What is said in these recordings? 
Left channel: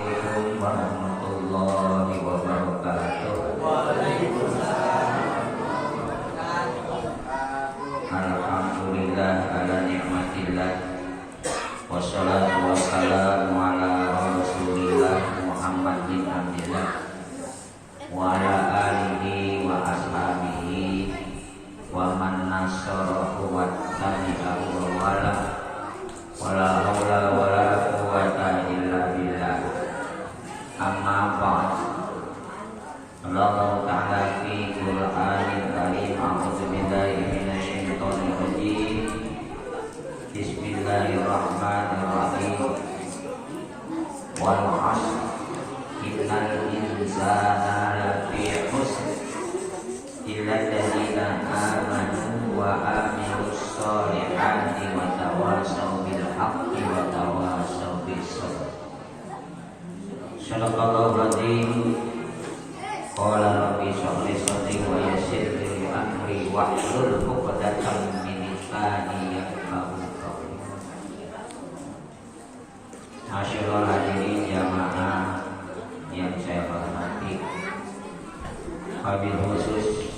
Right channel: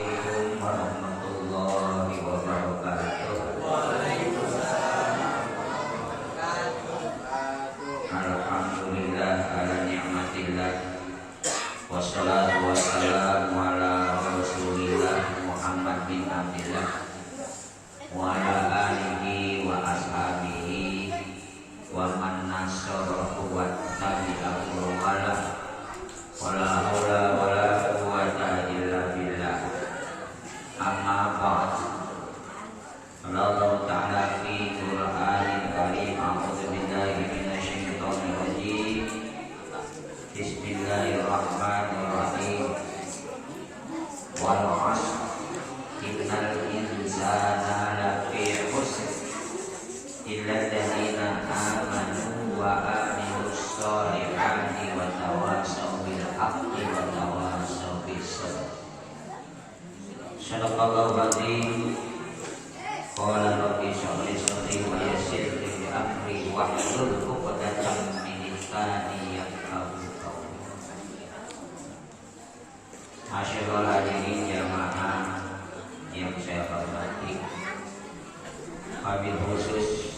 Assalamualaikum warahmatullahi wabarakatuh. Alhamdulillah ala ni'matillah. Wassalatu wassalamu ala rasulillah Muhammad bin Abdillah wa ala alihi wa ashabihi wa man nasarahu wa tabi'ahu wa la hawla wa la quwwata illa billah. Amma ba'd. Allah Ta'ala fi Qur'anil Karim. A'udzu billahi minasyaitonir rajim. Bismillahirrahmanirrahim. Wal 'ashr innal insana lafi khusr illa alladziina aamanu wa 'amilus shalihati wa tawassaw bil haqqi wa tawassaw bis sabr. Sadaqallahu azim. Qala rabbi shrah li sadri wa yassir li amri wahlul 'uqdatam min lisani yafqahu qawli. Masyaallah hadirin jamaah yang saya hormati, wabil khusus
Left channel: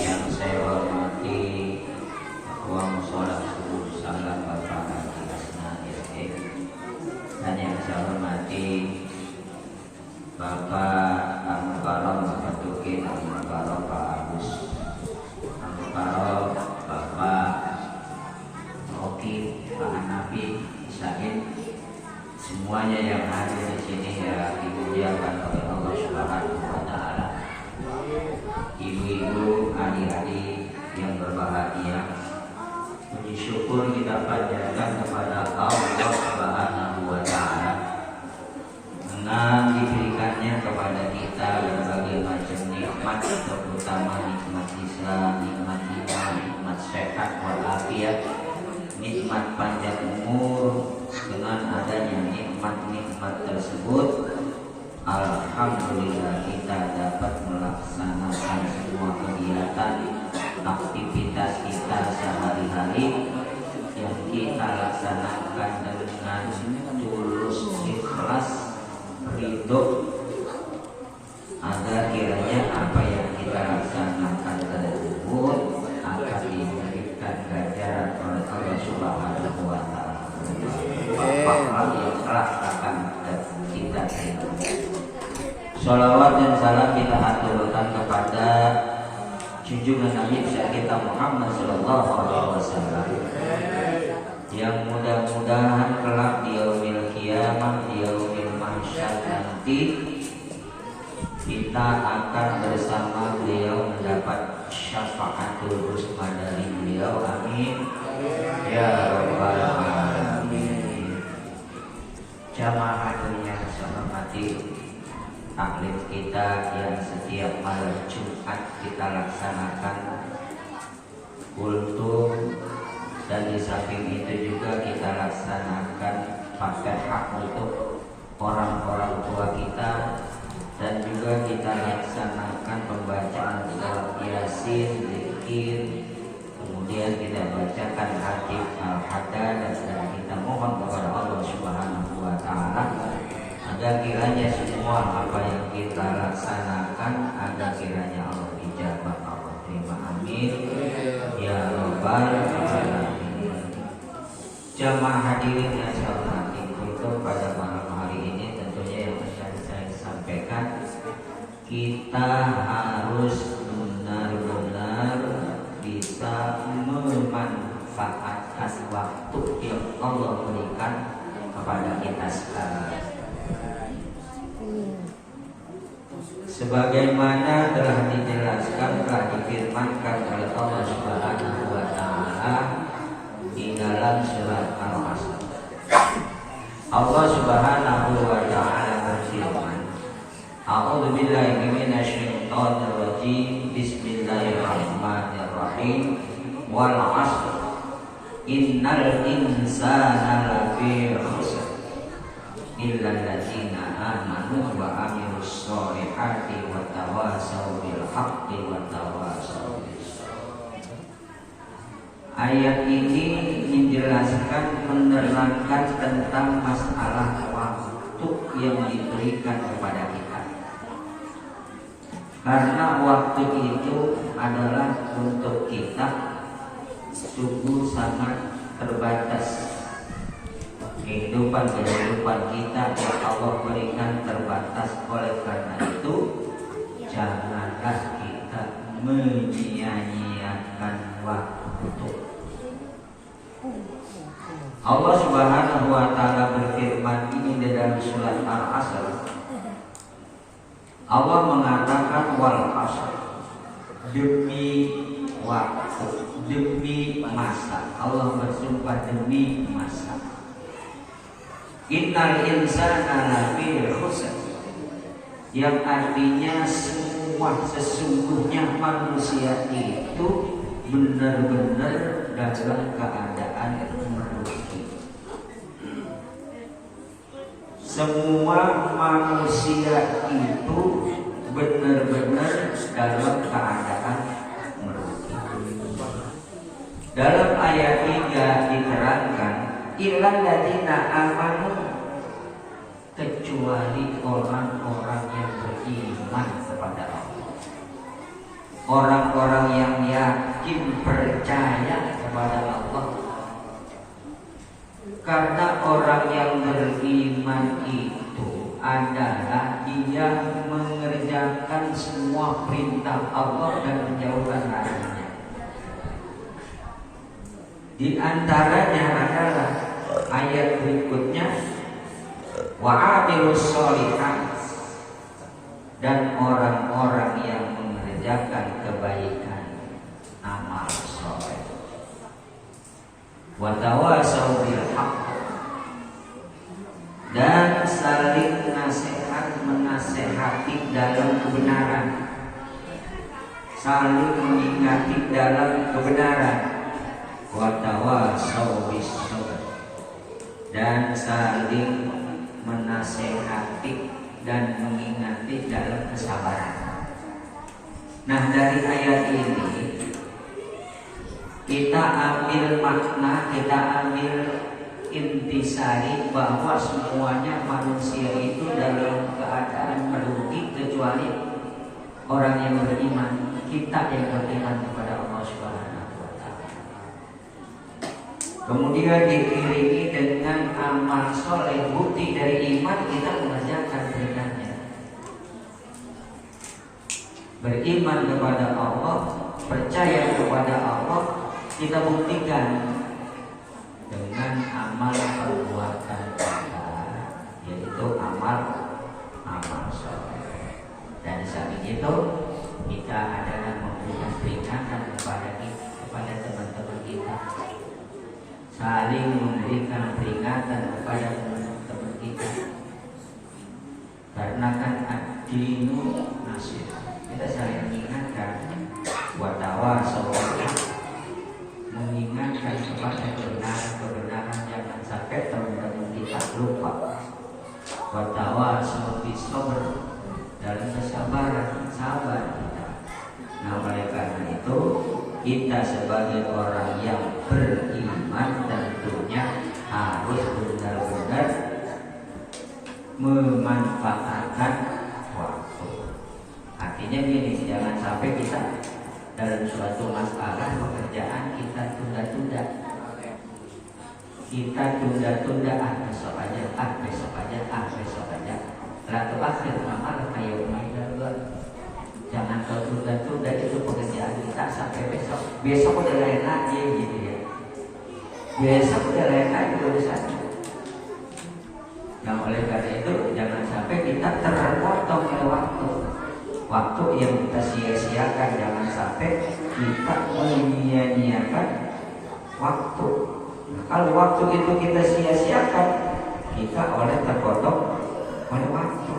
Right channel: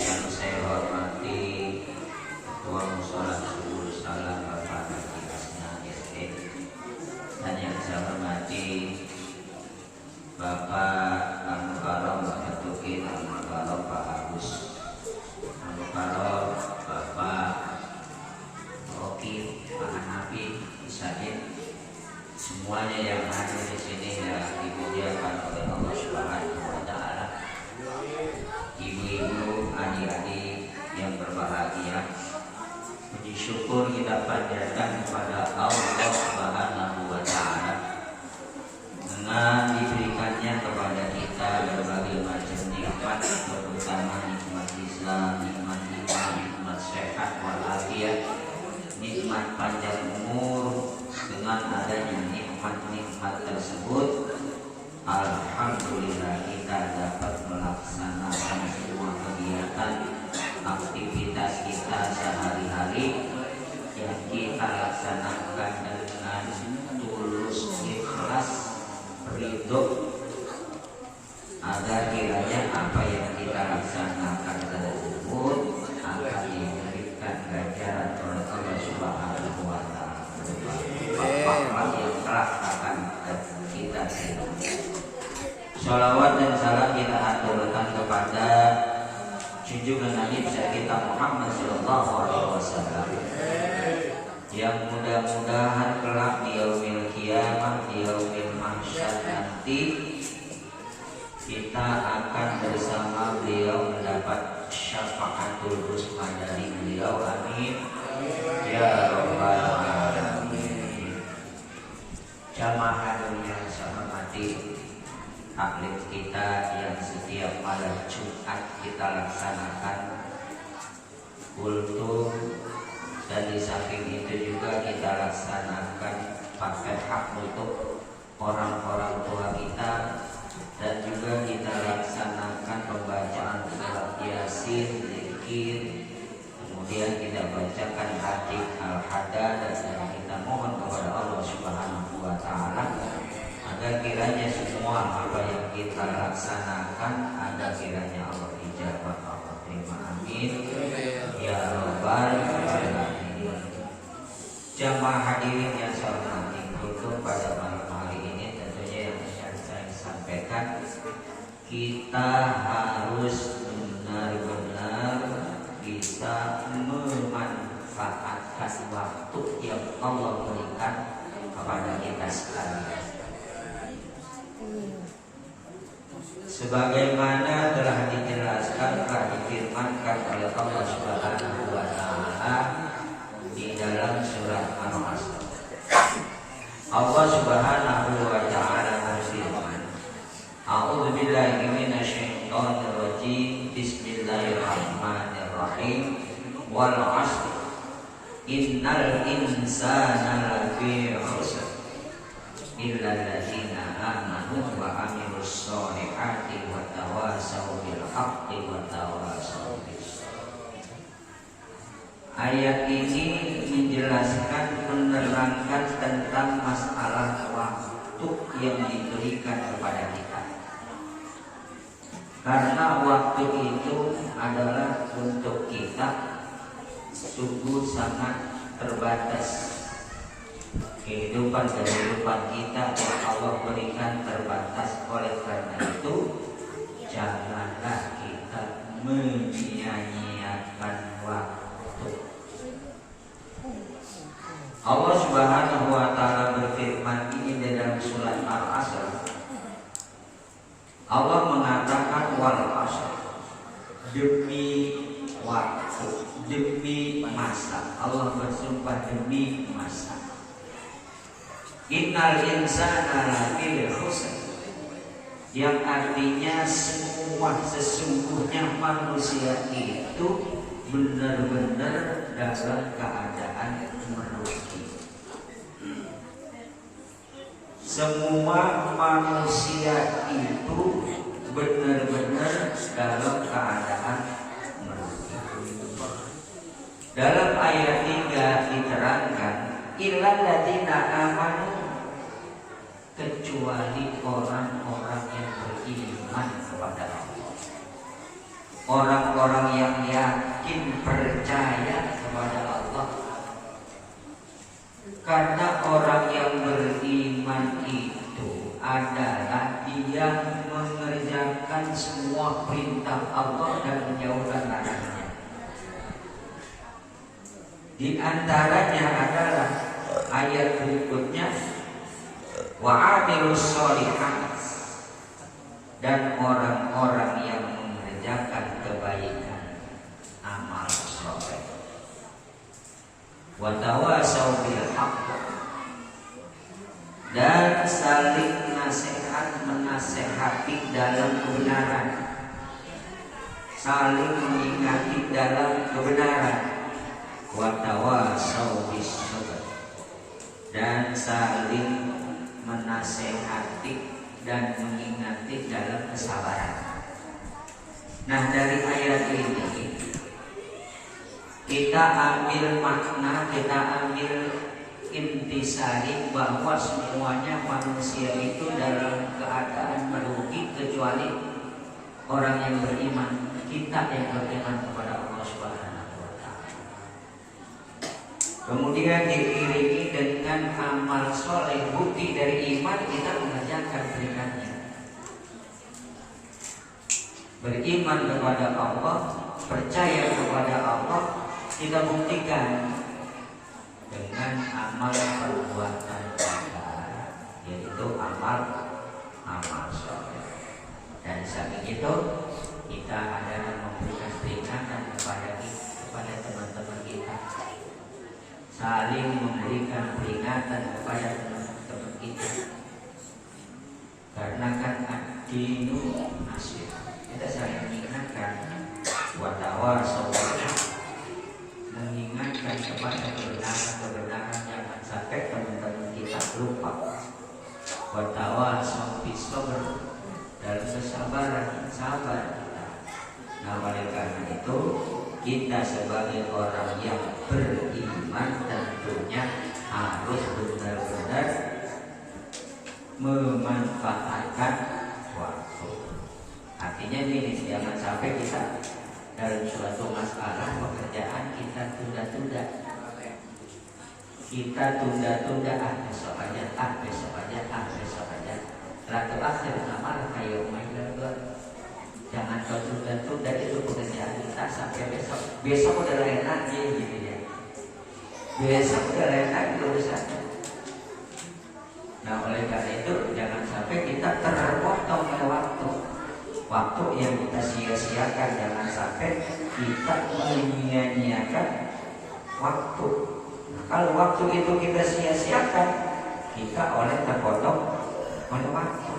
yang saya hormati Ketua Mushola Subuh Salam Bapak Haji Asna SE, dan yang saya hormati Bapak Al-Mukarram Bapak Tukin, Al-Mukarram Pak Agus, Al-Mukarram Bapak Roki, Pak Hanafi, Said, semuanya yang hadir di sini ya dimuliakan oleh Allah Subhanahu wa Ta'ala. Ibu-ibu, adik-adik yang berbahagia, puji syukur kita panjatkan kepada Allah Subhanahu wa Ta'ala dengan diberikannya kepada kita berbagai macam nikmat, terutama nikmat Islam, nikmat iman, nikmat sehat walafiat, nikmat panjang umur. Dengan adanya nikmat-nikmat tersebut, alhamdulillah kita dapat melaksanakan semua kegiatan aktivitas kita sehari-hari yang kita laksanakan dengan tulus ikhlas ridho, agar kiranya apa yang kita laksanakan tersebut akan diberikan ganjaran oleh Allah Subhanahu wa Ta'ala. Bapak yang melaksanakan kita. Sholawat dan salam kita aturkan kepada junjungan Nabi kita Muhammad Sallallahu Alaihi Wasallam, yang mudah-mudahan kelak di yaumil qiyamah, di yaumil mahsyar nanti kita akan bersama beliau mendapat syafaatul husna dari beliau. Amin ya rabbal alamin. Jamaah hadirin yang saya hormati, taklim kita yang setiap malam Jumat kita laksanakan kultum, dan di samping itu juga kita laksanakan Fatihah untuk orang-orang tua kita, dan juga kita laksanakan pembacaan surat Yasin, zikir, kemudian kita bacakan hadits al-hadah, dan kita mohon kepada Allah Subhanahu wa Ta'ala agar kiranya semua apa yang kita laksanakan agar kiranya Allah ijabah, Allah terima. Amin ya rabbal alamin. Jamaah hadirin yang saya hormati, itu pada malam hari ini tentunya yang saya sampaikan, kita harus benar-benar bisa memanfaatkan waktu yang Allah berikan kepada kita sekarang. Sebagaimana telah dijelaskan, telah difirmankan oleh Allah Subhanahu wa Ta'ala di dalam surat Al-Asr. Allah Subhanahu wa Ta'ala berfirman, A'udzu billahi minasyaitonir rajim. Bismillahirrahmanirrahim. Wal 'ashr innal insana lafi khusr illa alladziina aamanu wa 'amilus shalihati wa tawassaw bil haqqi wa tawassaw bis sabr. Ayat ini menjelaskan, menerangkan tentang masalah waktu yang diberikan kepada kita. Karena waktu itu adalah untuk kita sungguh sangat terbatas. Kehidupan kita yang Allah berikan terbatas. Oleh karena itu janganlah kita menyia-nyiakan waktu. Allah Subhanahu wa taala berfirman ini dalam surat Al-Asr. Allah mengatakan wal asr, demi waktu, demi masa. Allah bersumpah demi masa. Innal insana lafi khusr, yang artinya semua sesungguhnya manusia itu benar-benar dalam keadaan merugi. Semua manusia itu benar-benar dalam keadaan merugi. Dalam ayat 3 diterangkan illal ladzina amanu, kecuali orang-orang yang beriman kepada Allah, orang-orang yang yakin percaya kepada Allah. Karena orang yang beriman itu adalah dia mengerjakan semua perintah Allah dan menjauhkan larangannya. Di antaranya adalah ayat berikutnya wa'amilus sholihat, dan orang-orang yang mengerjakan kebaikan, amal soleh. Wa tawasau bil haqq, dan saling nasihat menasehati dalam kebenaran, saling mengingati dalam kebenaran. Wa tawasau bis sabr, dan saling menasehati dan mengingati dalam kesabaran. Nah, dari ayat ini kita ambil makna, kita ambil intisari bahwa semuanya manusia itu dalam keadaan merugi kecuali orang yang beriman. Kita yang beriman kepada Allah Subhanahu wa taala. Kemudian diiringi dengan amal soleh. Bukti dari iman kita mengerjakan perintahnya. Beriman kepada Allah, percaya kepada Allah, kita buktikan dengan amal perbuatan kita, yaitu amal soleh. Dan saat itu kita adalah memberikan peringatan kepada teman-teman kita, saling memberikan peringatan kepada teman-teman kita. Karena kan ad-dinu nasihat, kita saling mengingatkan wa tawasau bil haqq, mengingatkan kepada kebenaran, jangan sampai teman-teman kita lupa. Wa tawasau bis sabr, dalam kesabaran, sabar kita. Nah, oleh karena itu kita sebagai orang yang beriman tentunya harus benar-benar memanfaatkan waktu. Artinya ini, jangan sampai kita dalam suatu masalah pekerjaan kita tunda-tunda. Kita tunda-tunda, besok aja. Lalu akhir amal kayak jangan tunda-tunda itu pekerjaan kita sampai besok. Besok udah lain lagi gitu ya. Besok udah lain lagi urusannya. Nah, oleh karena itu jangan sampai kita terpotong oleh waktu. Waktu yang kita sia-siakan, jangan sampai kita menyia-nyiakan waktu. Nah, kalau waktu itu kita sia-siakan, kita oleh terpotong oleh waktu.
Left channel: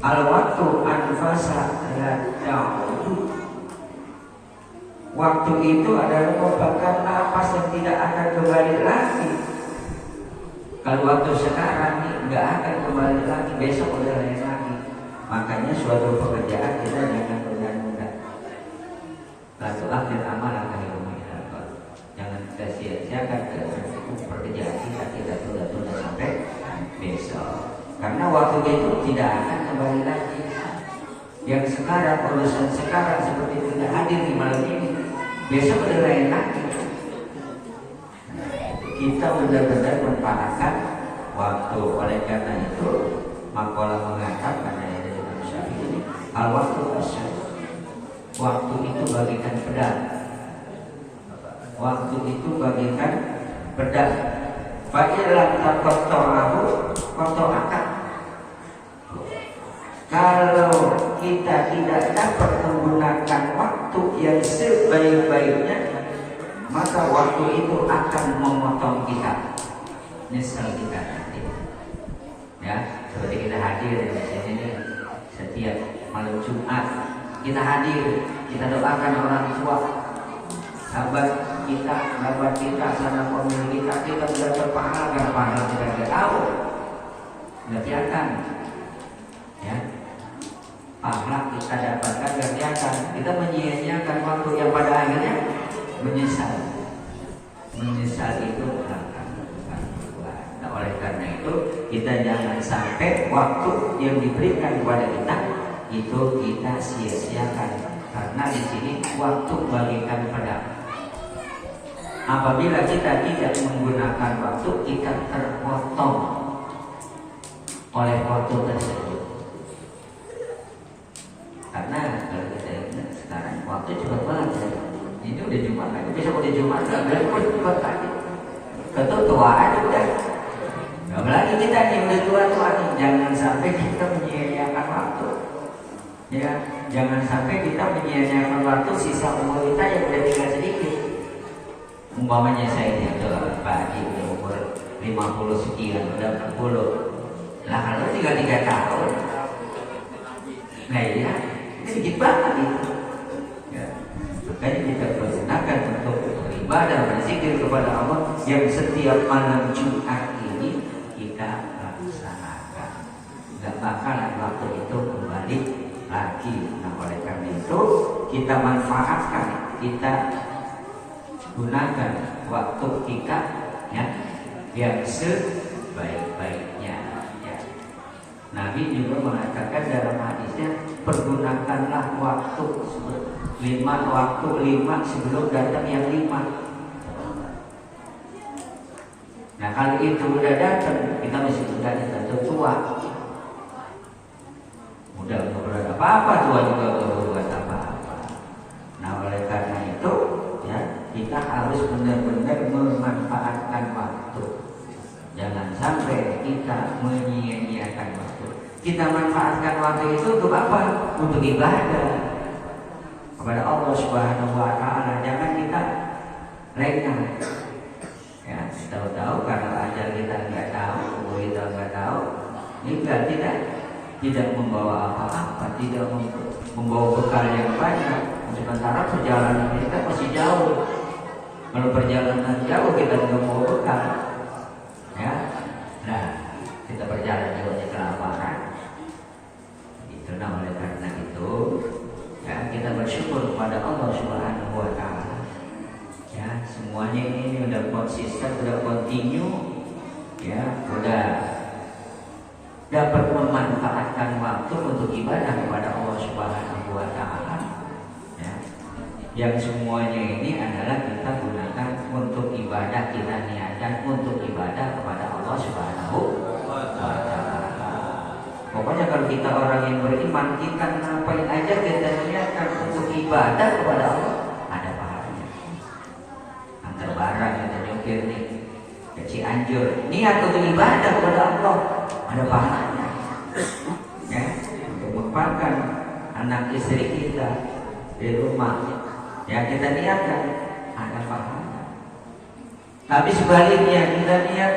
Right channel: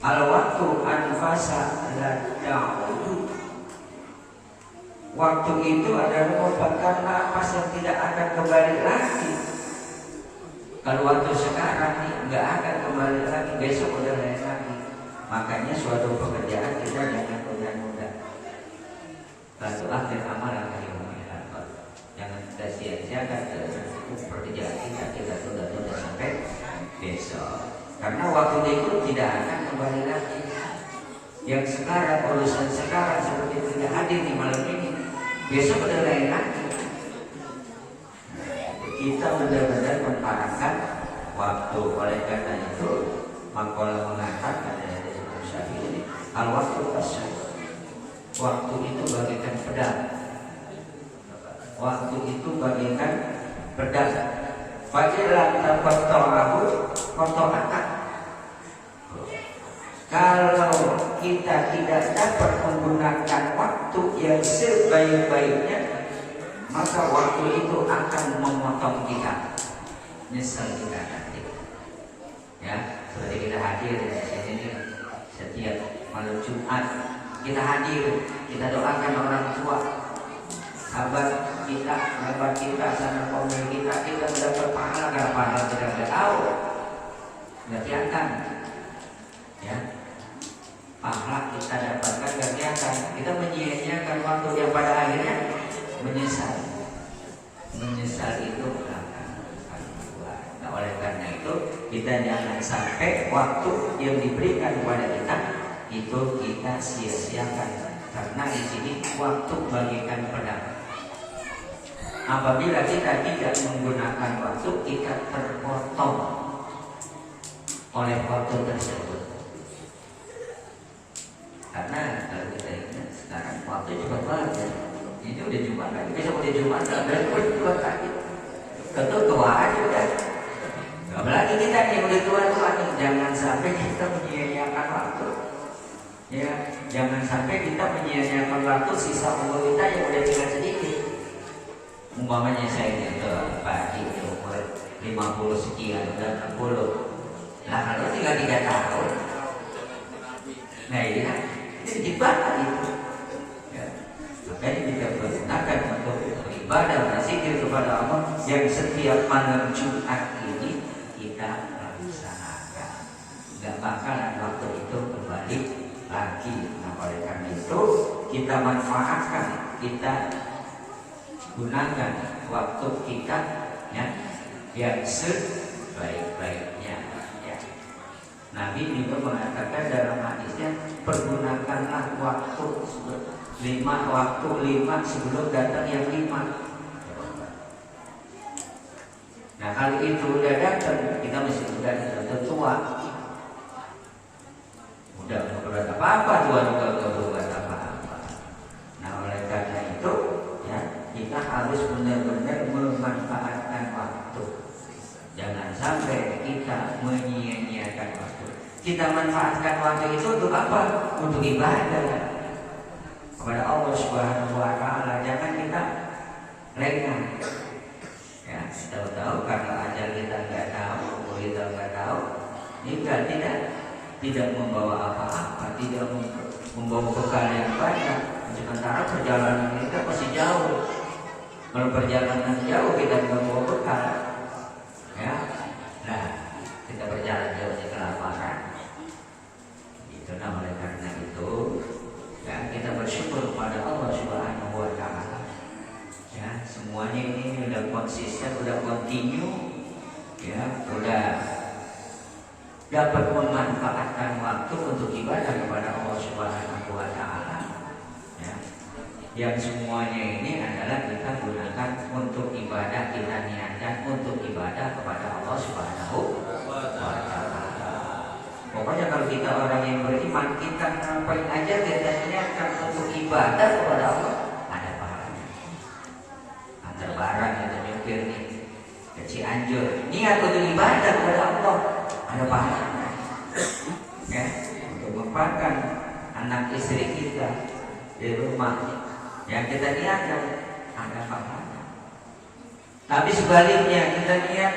Al-waktu anfasa la ta'ud. Waktu itu adalah merupakan napas yang tidak akan kembali lagi. Kalau waktu sekarang nih nggak akan kembali lagi, besok udah lain lagi. Makanya suatu pekerjaan kita jangan tunda-tunda. Lalu akhir amal akan dilakukan. Jangan kita sia-siakan pekerjaan kita tunda-tunda sampai besok. Karena waktu itu tidak akan kembali lagi. Yang sekarang, urusan sekarang seperti tidak hadir di malam ini, besok ada lain lagi. Kita benar-benar manfaatkan waktu. Oleh karena itu, Maqalah mengatakan dari Imam Syafi'i, al-waktu asal. Waktu itu bagikan pedang. Waktu itu bagikan pedang. Fa'ilam taqatta'ahu qata'aka. Kalau kita tidak dapat menggunakan waktu yang sebaik-baiknya, maka waktu itu akan memotong kita. Misal kita nanti, ya, seperti kita hadir di sini nih, setiap malam Jumat kita hadir, kita doakan orang tua, sahabat kita sama pemilik kita mendapat pahala kita tidak tahu, nggak kelihatan, ya. Pahala kita dapatkan nggak kelihatan, kita menyia-nyiakan waktu yang pada akhirnya menyesal itu akan buat. Nah, oleh karena itu kita jangan sampai waktu yang diberikan kepada kita itu kita sia-siakan, karena di sini waktu bagikan pedang. Apabila kita tidak menggunakan waktu, kita terpotong oleh waktu tersebut. Karena kalau kita ingat sekarang waktu cepat banget ya. Ini udah Jumat lagi, besok udah Jumat lagi, besok Jumat lagi. Tua aja udah. Apalagi kita nih udah tua nih, jangan sampai kita menyia-nyiakan waktu. Ya, jangan sampai kita menyia-nyiakan waktu sisa umur kita yang udah tinggal sedikit. Umpamanya saya itu Pak Haji udah umur 50 sekian, udah 60. Lah kalau tinggal 3 tahun. Nah ya, ini sedikit banget itu. Ya. Makanya kita gunakan untuk beribadah, berzikir kepada Allah yang setiap malam Jumat ini kita laksanakan. Gak bakalan waktu itu kembali lagi. Nah, oleh karena itu kita manfaatkan, kita gunakan waktu kita ya yang sebaik-baiknya. Ya. Nabi juga mengatakan dalam hadisnya, pergunakanlah waktu 5 sebelum datang yang 5. Nah, kalau itu udah datang, kita mesti sudah tua. Udah berbuat apa-apa, tua juga berbuat apa-apa. Nah, oleh karena itu ya, kita harus benar-benar memanfaatkan waktu. Jangan sampai kita menyia-nyiakan waktu. Kita manfaatkan waktu itu untuk apa? Untuk ibadah kepada Allah Subhanahu wa Ta'ala. Jangan kita lengah. Ya, tahu-tahu kalau ajal kita nggak tahu, umur kita nggak tahu, kita tidak membawa apa-apa, tidak membawa bekal yang banyak. Sementara perjalanan kita masih jauh. Kalau perjalanan jauh kita nggak membawa bekal, ya, nah kita berjalan jauh di kelaparan. Itu oleh karena itu ya kita bersyukur kepada Allah Subhanahu wa Ta'ala. Ya, semuanya ini udah konsisten, udah continue, ya, udah dapat memanfaatkan waktu untuk ibadah kepada Allah Subhanahu wa Ta'ala. Ya. Yang semuanya ini adalah kita gunakan untuk ibadah, kita niatkan untuk ibadah kepada Allah Subhanahu wa Ta'ala. Pokoknya kalau kita orang yang beriman, kita ngapain aja kita niatkan untuk ibadah kepada Allah, ada pahalanya. Antar barang kita nyopir nih ke Cianjur, niat untuk ibadah kepada Allah, ada pahalanya. Ya, untuk memakan anak istri kita di rumah, ya kita niatkan, ada pahalanya. Tapi sebaliknya kita niat,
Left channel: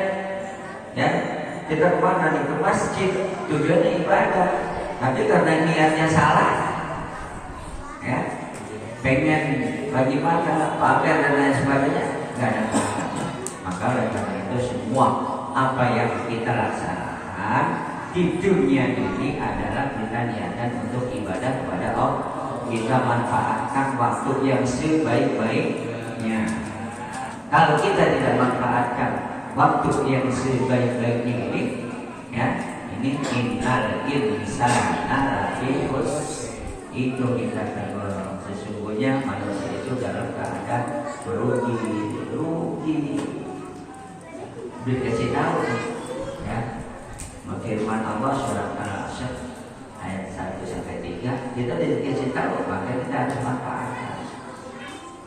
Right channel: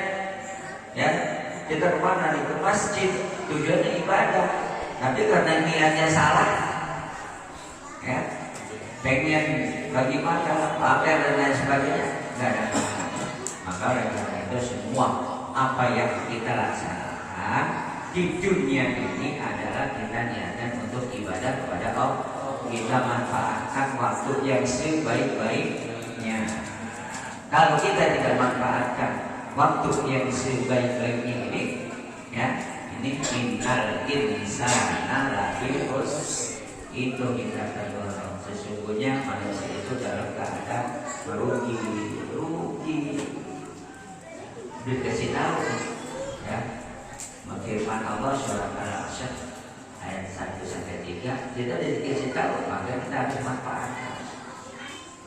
ya, kita kemana nih? Ke masjid, tujuannya ibadah, tapi karena niatnya salah, ya, pengen bagi makan, pakai dan lain sebagainya, nggak ada pahalanya. Maka karena itu semua apa yang kita laksanakan di dunia ini adalah kita niatkan untuk ibadah kepada Allah. Kita manfaatkan waktu yang sebaik-baiknya. Kalau kita tidak manfaatkan waktu yang sebaik-baiknya ini, ya, ini innal insana lafi khusr. Itu kita tahu sesungguhnya manusia itu dalam keadaan rugi. Dikasih tahu ya, firman Allah surat Al-Asr ayat 1 sampai 3 kita dikasih tahu maka kita harus manfaatkan.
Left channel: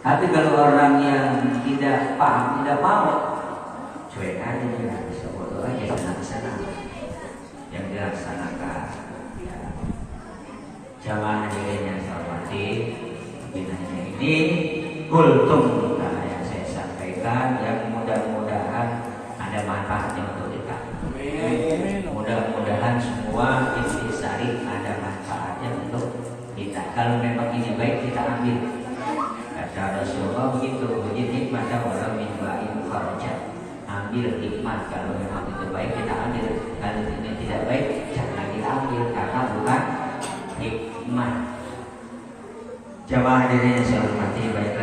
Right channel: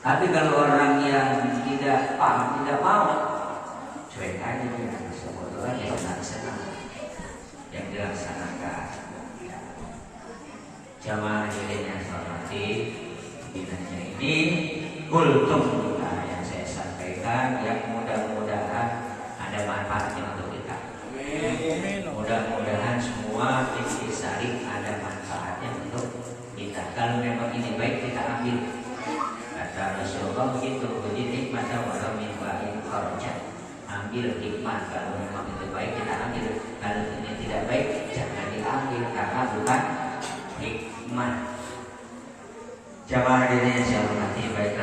Tapi kalau orang yang tidak paham, tidak mau, cuek aja ya, bisa bodoh aja senang-senang yang dilaksanakan. Ya. Jamaah dirinya hormati, binanya ini kultum yang saya sampaikan yang mudah-mudahan ada manfaatnya untuk kita. Mudah-mudahan semua intisari ada manfaatnya untuk kita. Kalau memang ini baik kita ambil. Kata Rasulullah begitu, uji nikmat orang mimba yang farja. Ambil nikmat, kalau memang itu baik kita ambil. Kalau ini tidak baik jangan kita ambil karena bukan hikmah. Jamaah hadirin yang saya hormati, baiklah.